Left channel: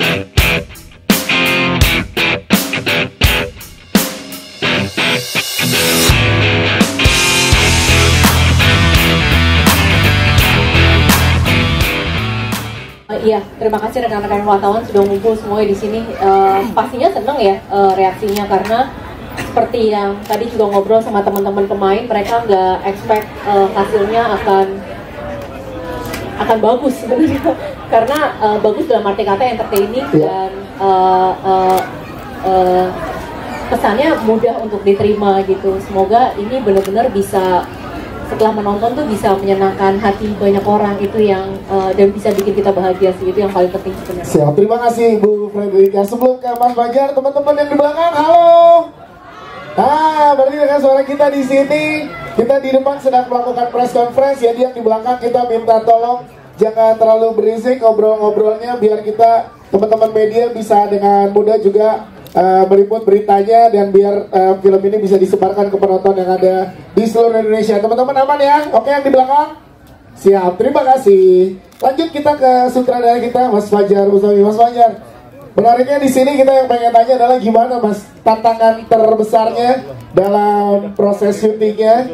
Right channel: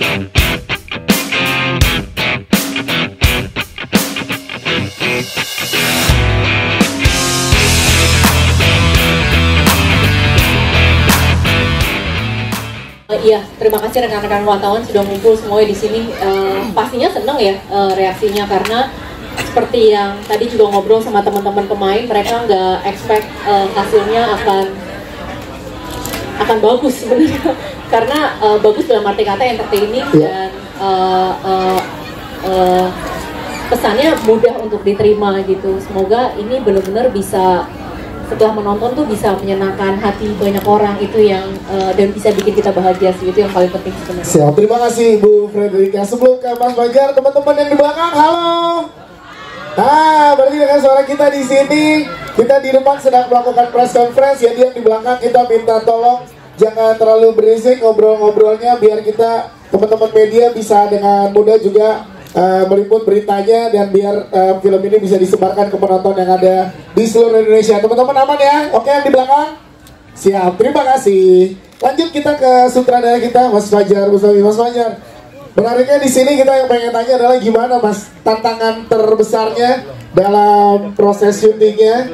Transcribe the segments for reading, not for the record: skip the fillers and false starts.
Iya, terima kasih rekan-rekan wartawan sudah ngumpul semuanya di sini. Pastinya seneng ya reaksinya, karena seperti yang tadi juga ngobrol sama teman-teman pemain, mereka nggak expect hasilnya akan bagus sebenarnya. Karena bagus dalam arti kata entertaining dan pesannya mudah untuk diterima gitu. Semoga ini benar-benar bisa, setelah menonton tuh bisa menyenangkan hati banyak orang, itu yang dan bisa bikin kita bahagia sih, itu yang paling penting sebenarnya. Siap, terima kasih Bu Frederika. Sebelum ke Mas Fajar, teman-teman yang di belakang, halo. Nah, berarti dengan suara kita di sini, kita di depan sedang melakukan press conference. Jadi yang di belakang kita minta tolong jangan terlalu berisik ngobrol-ngobrolnya, biar kita teman-teman media bisa dengan mudah juga meliput beritanya, dan biar film ini bisa disebarkan ke penonton yang ada di seluruh Indonesia. Teman-teman aman ya? Oke, yang di belakang? Siap, terima kasih. Lanjut kita ke sutradara kita, Mas Fajar Bustami. Mas Fajar, menariknya di sini kita yang pengen tanya adalah gimana Mas tantangan terbesarnya dalam proses syutingnya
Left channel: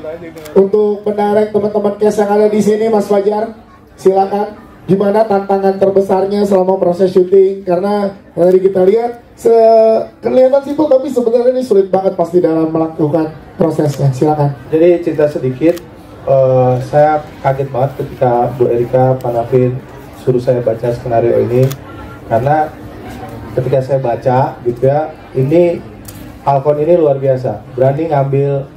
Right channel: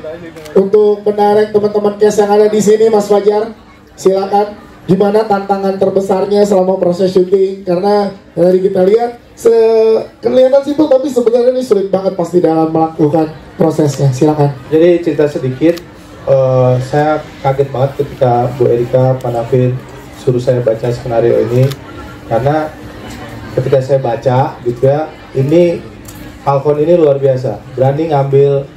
untuk menarik teman-teman cast yang ada di sini, Mas Fajar? Silakan. Gimana tantangan terbesarnya selama proses syuting? Karena tadi kita lihat kelihatan simpel, tapi sebenarnya ini sulit banget pasti dalam melakukan prosesnya. Silakan. Jadi cerita sedikit, saya kaget banget ketika Bu Erika Panavin suruh saya baca skenario ini, karena ketika saya baca gitu ya, ini Falcon ini luar biasa, berani ngambil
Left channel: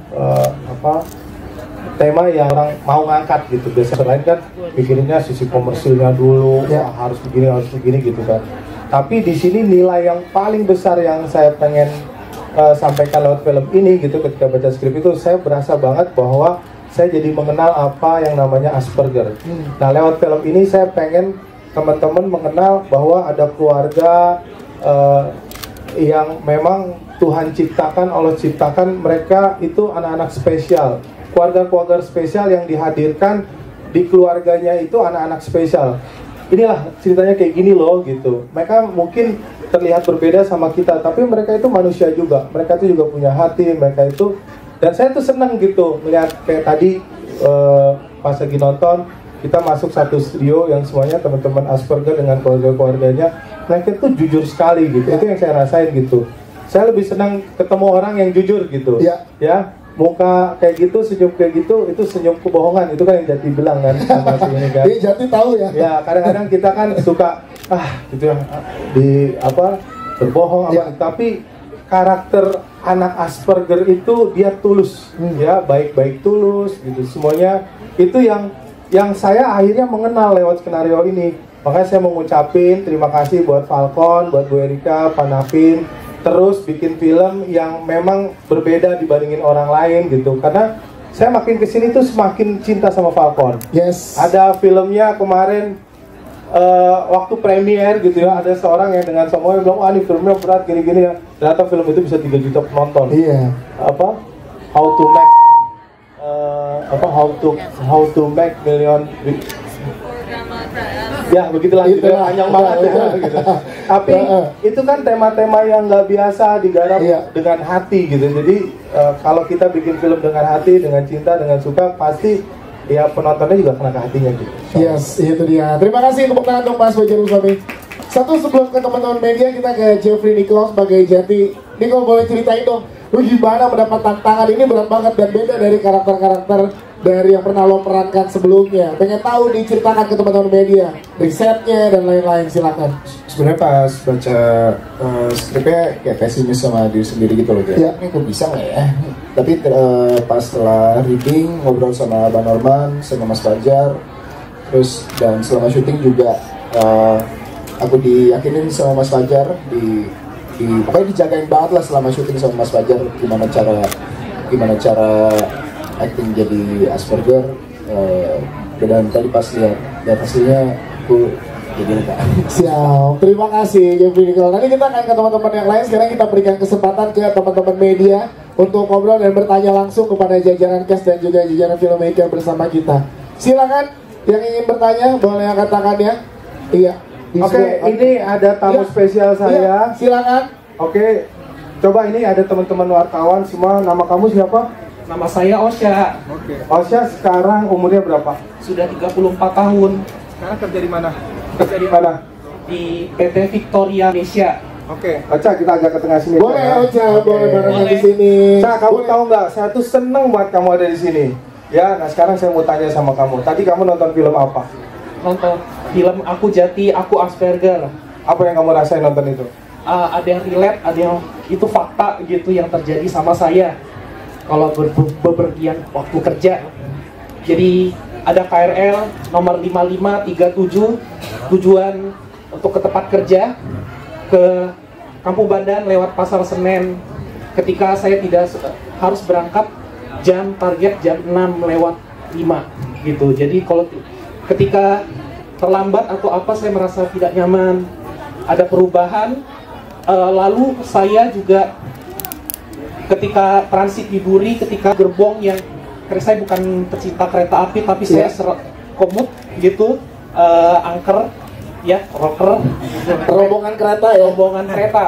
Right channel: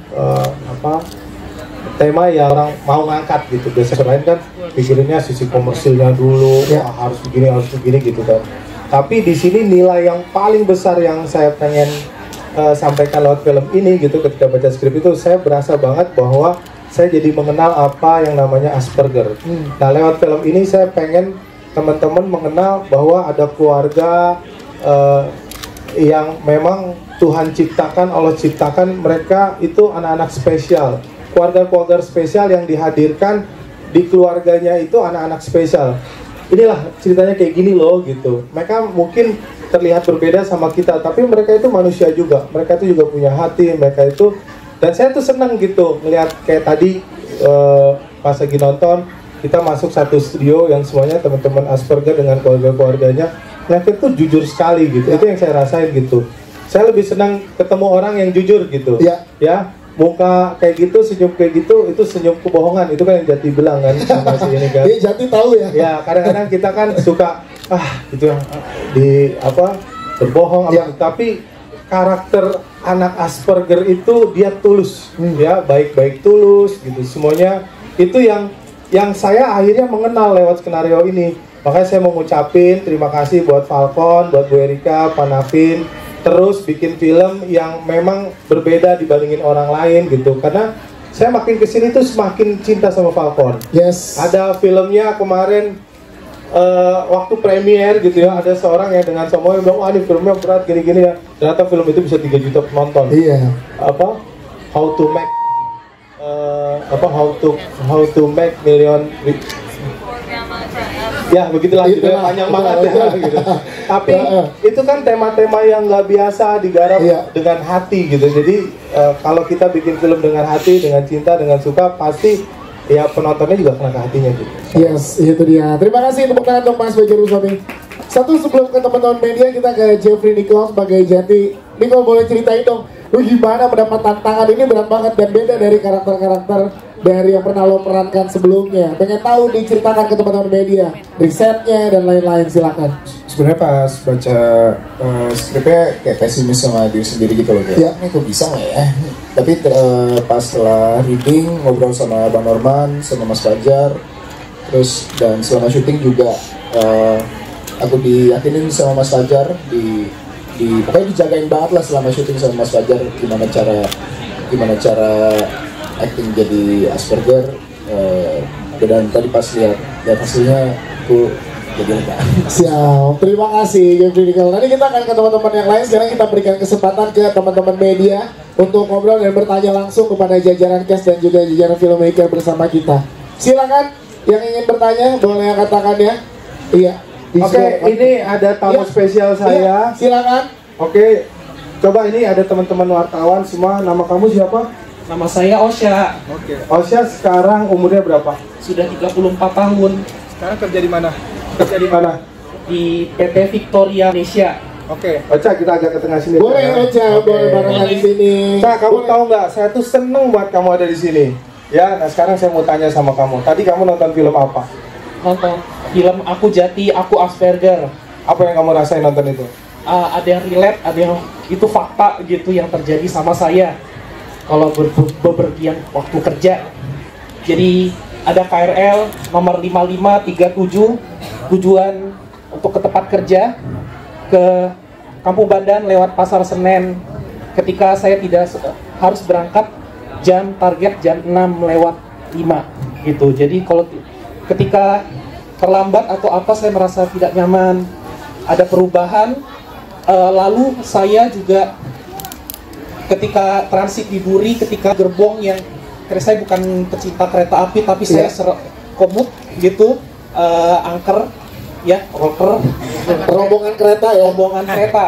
tema yang orang mau ngangkat gitu. Biasanya lain kan pikirinnya sisi komersilnya dulu, harus begini gitu kan. Tapi di sini nilai yang paling besar yang saya pengen sampaikan lewat film ini gitu, ketika baca skrip itu saya berasa banget bahwa saya jadi mengenal apa yang namanya Asperger. Nah, lewat film ini saya pengen teman-teman mengenal bahwa ada keluarga yang memang Tuhan ciptakan, Allah ciptakan, mereka itu anak-anak spesial. Keluarga-keluarga spesial yang dihadirkan di keluarganya itu anak-anak spesial. Inilah ceritanya kayak gini loh gitu. Mereka mungkin terlihat berbeda sama kita, tapi mereka itu manusia juga. Mereka itu juga punya hati, mereka itu. Dan saya tuh senang gitu melihat kayak tadi pas lagi nonton, kita masuk satu studio yang semuanya teman-teman Asperger dengan keluarga-keluarganya, yang itu jujur sekali gitu. Itu yang saya rasain gitu. Saya lebih senang ketemu orang yang jujur gitu. Ya. Muka kayak gitu, senyum kayak gitu, itu senyum kebohongan, itu kan yang Jati bilang kan sama si ini kan. Jati tahu ya. Ya, kadang-kadang kita kan suka itu yang berbohong tapi karakter anak Asperger itu dia tulus, ya, baik-baik tulus gitu. Semuanya itu yang saya akhirnya mengenal lewat skenario ini. Makanya saya mau ngucapin terima kasih buat Falcon, buat Bu Erika Panavin, terus bikin film yang memang berbeda dibandingin orang lain gitu. Karena saya makin kesini tuh semakin cinta sama Falcon. Yes. Ada filmnya kemarin waktu premier gitu ya, ada seorang yang dengan semuanya bilang, ini filmnya berat gini-gini ya. Ternyata film itu bisa 3 juta penonton. Iya. How to make million. Ya begitulah gitu, panjang banget ya gitu. Tapi itu kan tema-tema yang nggak biasa digarap dengan hati gitu. Jadi kalau kita bikin film dengan hati, dengan cinta, dengan suka, pasti ya penontonnya juga kena ke hatinya gitu. Yes, itu dia. Terima kasih tepuk tangan untuk Mas Fajar Bustami. Satu sebelum ke teman-teman media, kita ke Jeffrey Nicholas sebagai Jati. Nicole, boleh ceritain dong, lu gimana mendapat tantangan ini? Berat banget dan beda dari karakter-karakter dari yang pernah lo perankan sebelumnya. Pengen tahu, diceritakan ke teman-teman media, risetnya dan lain-lain, silakan. Sebenarnya pas baca skripnya kayak pesimis sama diri sendiri gitu loh, kayak ini kok bisa nggak ya? Tapi pas setelah reading, ngobrol sama Bang Norman, sama Mas Fajar, terus dan selama syuting juga aku diyakinin sama Mas Fajar, pokoknya dijagain banget lah selama syuting sama Mas Fajar, gimana cara acting jadi Asperger. Dan tadi pas lihat hasilnya aku jadi lupa. Siap, terima kasih Jeffrey Nicole. Nanti kita akan ke teman-teman yang lain. Sekarang kita berikan kesempatan ke teman-teman media untuk ngobrol dan bertanya langsung kepada jajaran cast dan juga jajaran filmmaker bersama kita. Silakan yang ingin bertanya, boleh angkat tangannya. Iya, Oke, ini ada tamu spesial saya. Silakan. Oke, coba ini ada teman-teman wartawan semua. Nama kamu siapa? Nama saya Osya. Oke. Osya sekarang umurnya berapa? Sudah 34 tahun. Sekarang kerja di mana? Kerja di mana? Di PT Victoria Indonesia. Oke. Ocha, kita agak ke tengah sini. Boleh Ocha, boleh barengan di sini. Nah, kamu tahu nggak? Saya tuh seneng buat kamu ada di sini. Ya, nah sekarang saya mau tanya sama kamu. Tadi kamu nonton film apa? Nonton film Aku Jati, Aku Asperger. Apa yang kamu rasain nonton itu? Ada yang relate, ada yang itu fakta gitu yang terjadi sama saya. Kalau bepergian waktu kerja. Jadi ada KRL nomor 5537 tujuan untuk ke tempat kerja ke Kampung Bandan lewat Pasar Senen. Ketika saya tidak harus berangkat target jam 6 lewat 5 gitu. Jadi kalau ketika terlambat atau apa saya merasa tidak nyaman, ada perubahan. Lalu saya juga ketika transit di Duri, ketika gerbong yang saya bukan pecinta kereta api tapi saya komut gitu, angker ya, rocker, rombongan kereta ya. Rombongan kereta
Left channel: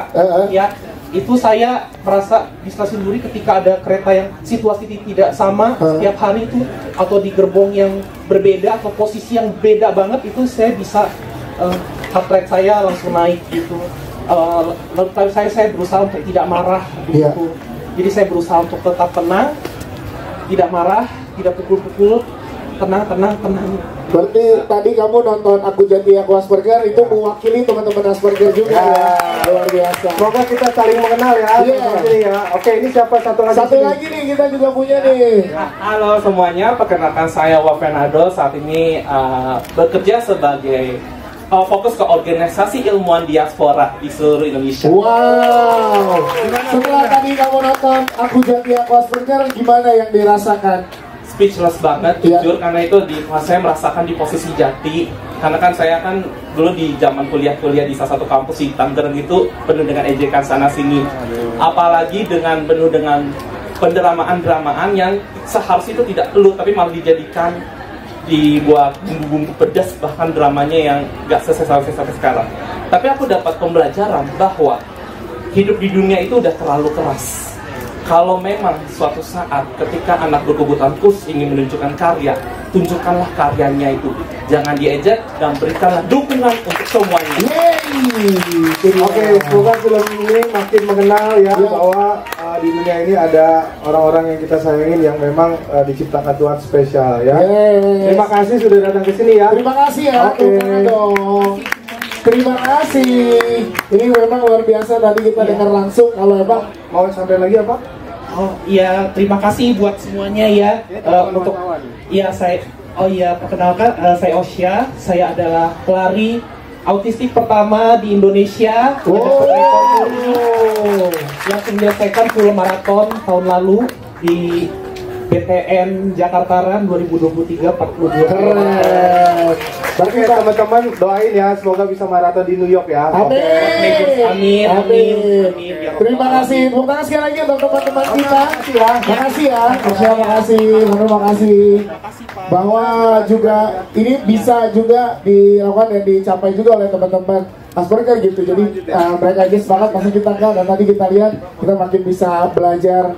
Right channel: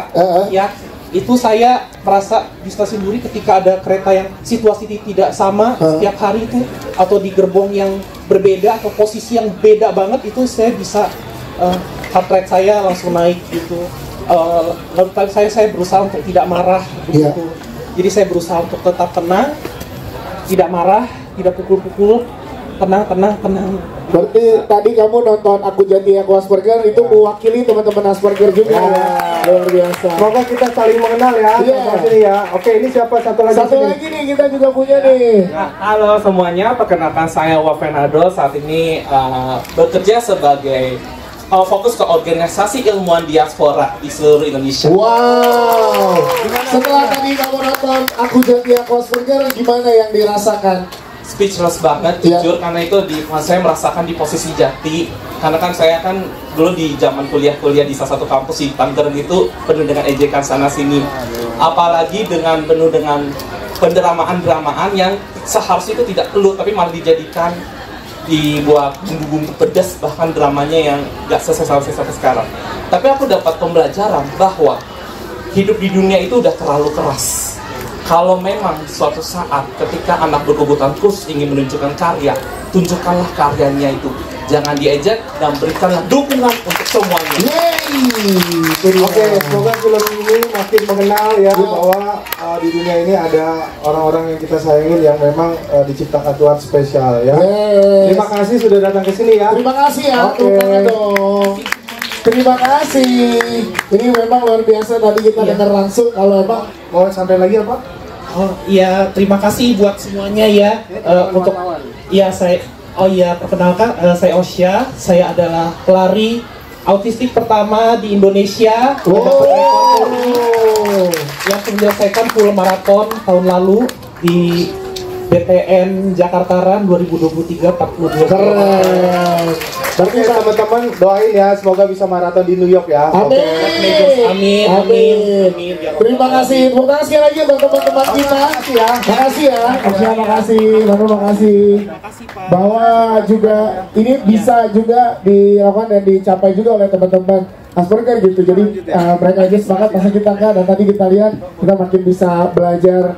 ya. Itu saya merasa di stasiun Duri ketika ada kereta yang situasi tidak sama setiap hari itu, atau di gerbong yang berbeda atau posisi yang beda banget, itu saya bisa heart rate saya langsung naik gitu. Lalu saya berusaha untuk tidak marah gitu. Jadi saya berusaha untuk tetap tenang, tidak marah, tidak pukul-pukul, tenang. Berarti tadi kamu nonton Aku Jati Aku Asperger itu mewakili teman-teman Asperger juga ya. Luar biasa. Semoga kita saling mengenal ya. Ya. Oke, ini siapa satu lagi? Satu lagi nih kita juga punya nih. Halo semuanya, perkenalkan saya Wavenado. Saat ini bekerja sebagai fokus ke organisasi ilmuwan diaspora di seluruh Indonesia. Wow. Setelah tadi kamu nonton Aku Jati Aku Asperger, gimana yang dirasakan? Speechless banget, jujur, karena itu saya merasakan di posisi Jati. Karena kan saya kan dulu di zaman kuliah di salah satu kampus di Tangerang itu penuh dengan ejekan sana sini. Apalagi penuh dengan pendramaan yang seharusnya itu tidak perlu, tapi malah dijadikan dibuat bumbu-bumbu pedas, bahkan dramanya yang gak selesai sampai sekarang. Tapi aku dapat pembelajaran bahwa hidup di dunia itu udah terlalu keras. Kalau memang suatu saat ketika anak berkebutuhan khusus ingin menunjukkan karya, tunjukkanlah karyanya itu. Jangan diejek dan berikanlah dukungan untuk semuanya. Oke, semoga film ini makin mengenal ya bahwa di dunia ini ada orang-orang yang kita sayangin yang memang diciptakan Tuhan spesial ya. Terima kasih sudah datang ke sini ya. Terima kasih ya. Terima kasih. Ini memang luar biasa, tadi kita dengar langsung. Kalau apa? Mau sampai lagi apa? Oh iya, terima kasih buat semuanya ya. Untuk perkenalkan, saya Osya. Saya adalah pelari autistik pertama di Indonesia. Yang menyelesaikan full maraton tahun lalu di BTN Jakarta Run 2023 42. Keren. Oke teman-teman, doain ya semoga bisa maraton di New York ya. Amin. Terima kasih. Terima kasih sekali lagi untuk teman-teman kita. Terima kasih ya. Terima kasih. Bahwa juga ini bisa juga dilakukan dan dicapai juga oleh teman-teman Asperger gitu. Jadi mereka aja semangat, masa kita enggak. Dan tadi kita lihat kita makin bisa belajar.